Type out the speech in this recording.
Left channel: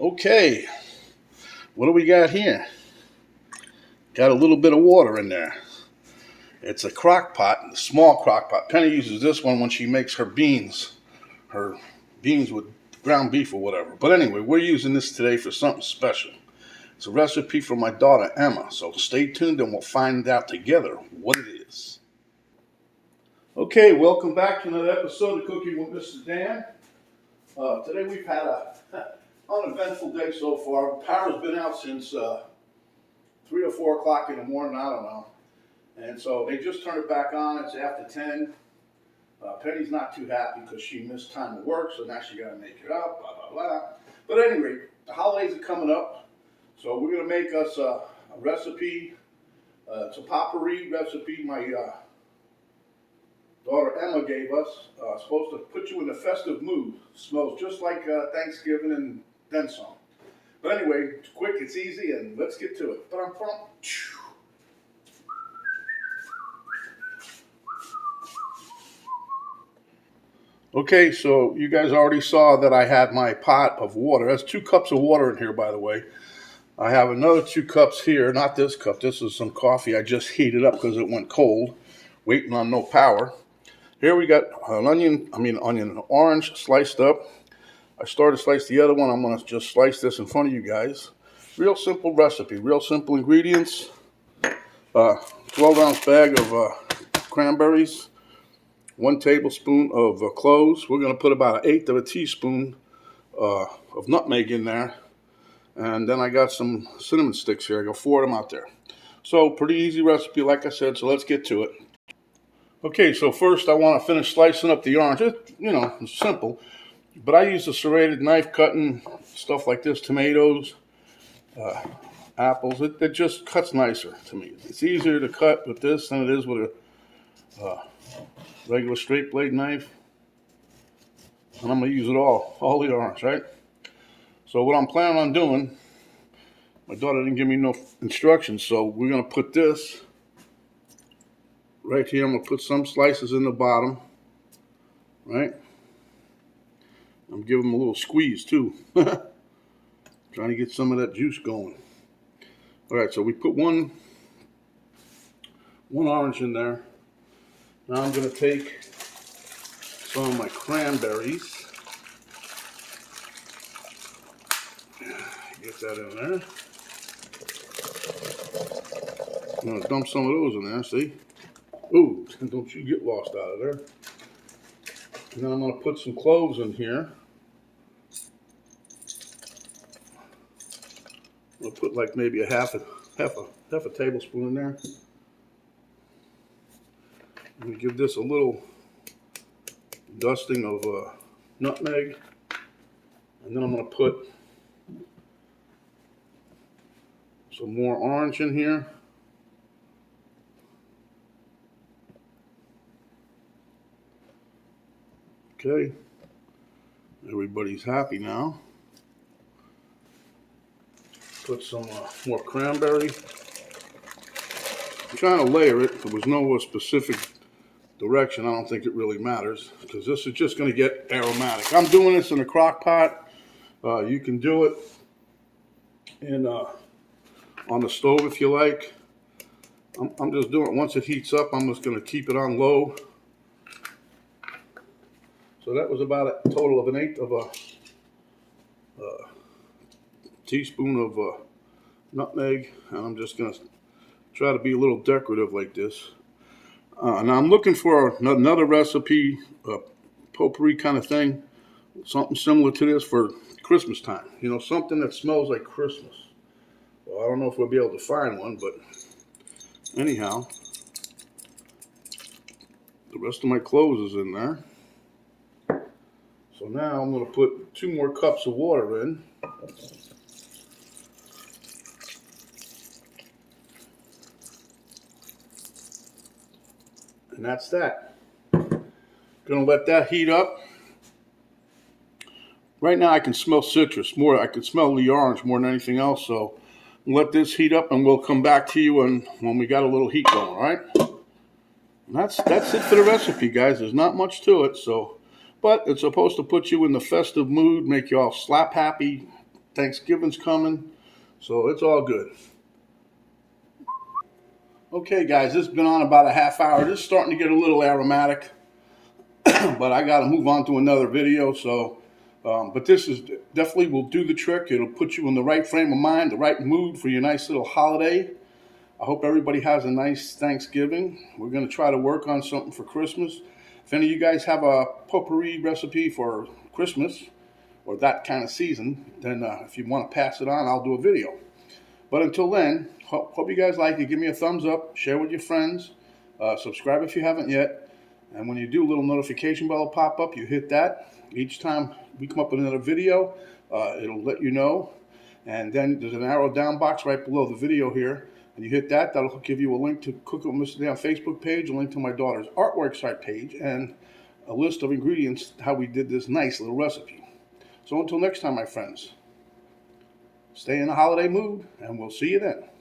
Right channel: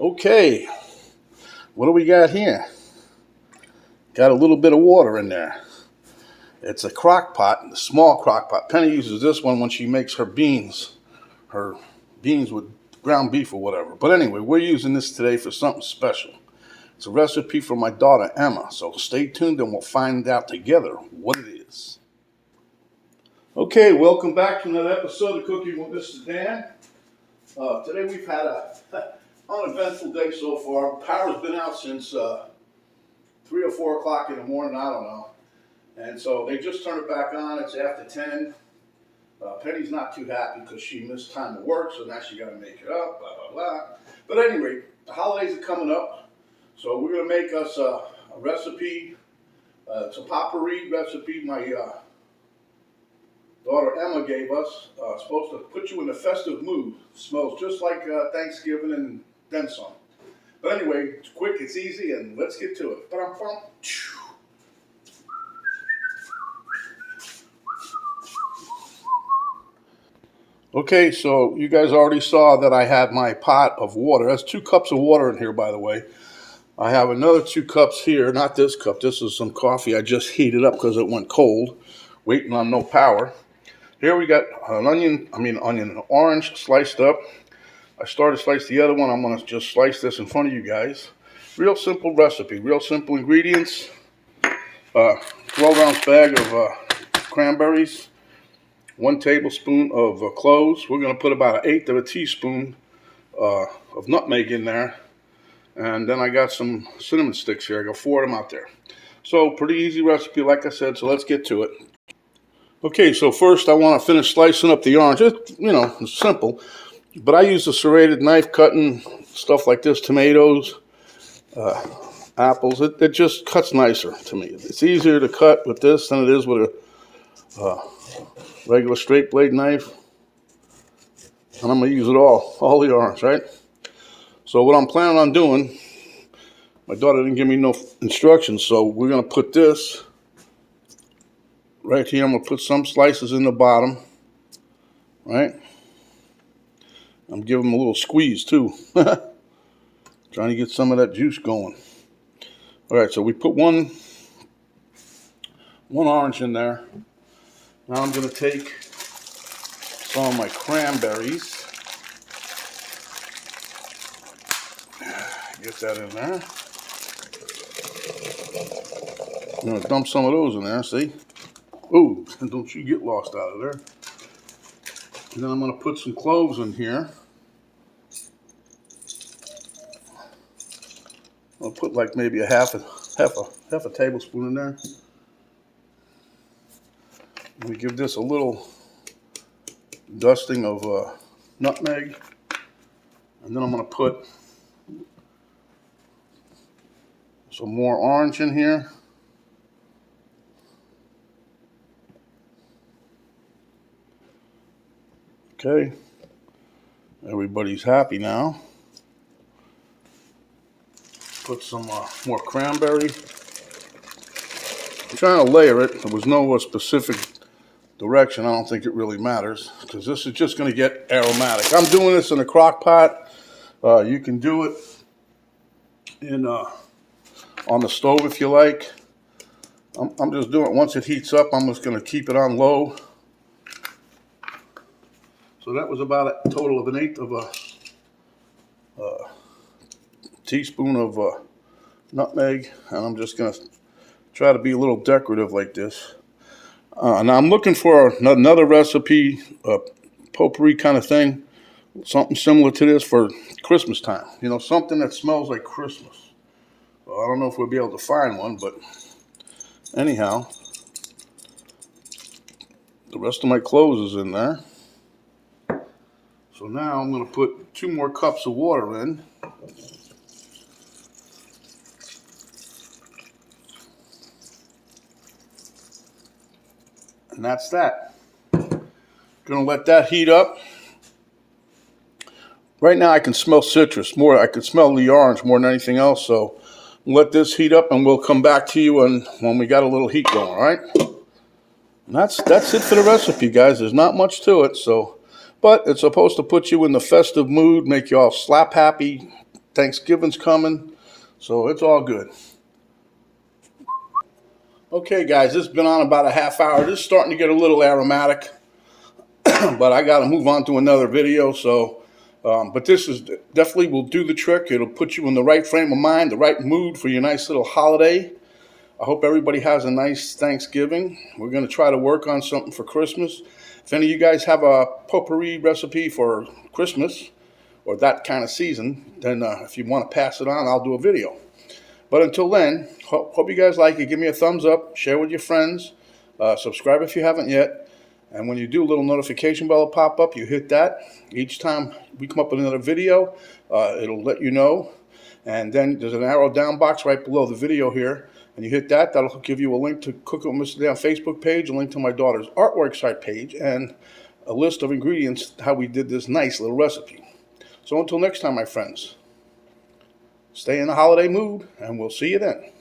Okay, what do we got here? Got a little bit of water in there. It's a crock pot, a small crock pot. Penny uses this one when she makes her beans with ground beef or whatever. But anyway, we're using this today for something special. It's a recipe for my daughter Emma, so stay tuned and we'll find out together what it is. Okay, welcome back to another episode of Cooking with Mr. Dan. Today we've had a uneventful day so far. Power's been out since 3 or 4 o'clock in the morning, I don't know. And so they just turned it back on. It's after 10. Penny's not too happy because she missed time of work, so now she got to make it up, blah, blah, blah. But anyway, the holidays are coming up, so we're going to make us a recipe. It's a potpourri recipe my daughter Emma gave us. Supposed to put you in a festive mood. Smells just like Thanksgiving and then some. But anyway, it's quick, it's easy, and let's get to it. Okay, so you guys already saw that I had my pot of water. That's 2 cups of water in here, by the way. I have another 2 cups here, not this cup. This is some coffee I just heated up because it went cold, waiting on no power. Here we got an orange sliced up. I started to slice the other one. I'm going to just slice this in front of you guys. Real simple recipe, real simple ingredients. 12-ounce bag of cranberries. 1 tablespoon of cloves. We're going to put about 1/8 of a teaspoon of nutmeg in there. And then I got some cinnamon sticks here. I got 4 of them out there. So pretty easy recipe, like I said, so let's get to it. Okay, so first I want to finish slicing up the orange. It's simple. But I use a serrated knife cutting stuff like this, tomatoes, apples. It just cuts nicer to me. It's easier to cut with this than it is with a regular straight blade knife. And I'm going to use it all the orange, right? So what I'm planning on doing, my daughter didn't give me no instructions, so we're going to put this right here. I'm going to put some slices in the bottom, right? I'm giving them a little squeeze too. Trying to get some of that juice going. All right, so we put one orange in there. Now I'm going to take some of my cranberries. Get that in there. I'm going to dump some of those in there, see? Ooh, don't you get lost out of there. And then I'm going to put some cloves in here. I'll put like maybe a half a tablespoon in there. We give this a little dusting of nutmeg, and then I'm going to put some more orange in here. Okay, everybody's happy now. Put some more cranberry. I'm trying to layer it. There was no specific direction. I don't think it really matters because this is just going to get aromatic. I'm doing this in a crock pot. You can do it in on the stove if you like. I'm just doing it once it heats up. I'm just going to keep it on low. So that was about a total of 1/8 of a teaspoon of nutmeg, and I'm just going to try to be a little decorative like this. Now I'm looking for another recipe, potpourri kind of thing, something similar to this for Christmas time. Something that smells like Christmas. Well, I don't know if we'll be able to find one, but anyhow, the rest of my cloves is in there. So now I'm going to put 2 more cups of water in. And that's that. Gonna let that heat up. Right now I can smell citrus more. I can smell the orange more than anything else. So let this heat up and we'll come back to you when we got a little heat going, all right? And that's it for the recipe, guys. There's not much to it. But it's supposed to put you in the festive mood, make you all slap happy, Thanksgiving's coming, so it's all good. Okay, guys, this has been on about a half hour. This is starting to get a little aromatic, but I got to move on to another video. So, but this is definitely will do the trick. It'll put you in the right frame of mind, the right mood for your nice little holiday. I hope everybody has a nice Thanksgiving. We're going to try to work on something for Christmas. If any of you guys have a potpourri recipe for Christmas or that kind of season, then if you want to pass it on, I'll do a video. But until then, hope you guys like it. Give me a thumbs up, share with your friends, subscribe if you haven't yet. And when you do, a little notification bell will pop up. You hit that. Each time we come up with another video, it'll let you know. And then there's an arrow down box right below the video here. And you hit that, that'll give you a link to Cook with Mr. Dan Facebook page, a link to my daughter's artwork site page, and a list of ingredients, how we did this nice little recipe. So until next time, my friends, stay in the holiday mood, and we'll see you then.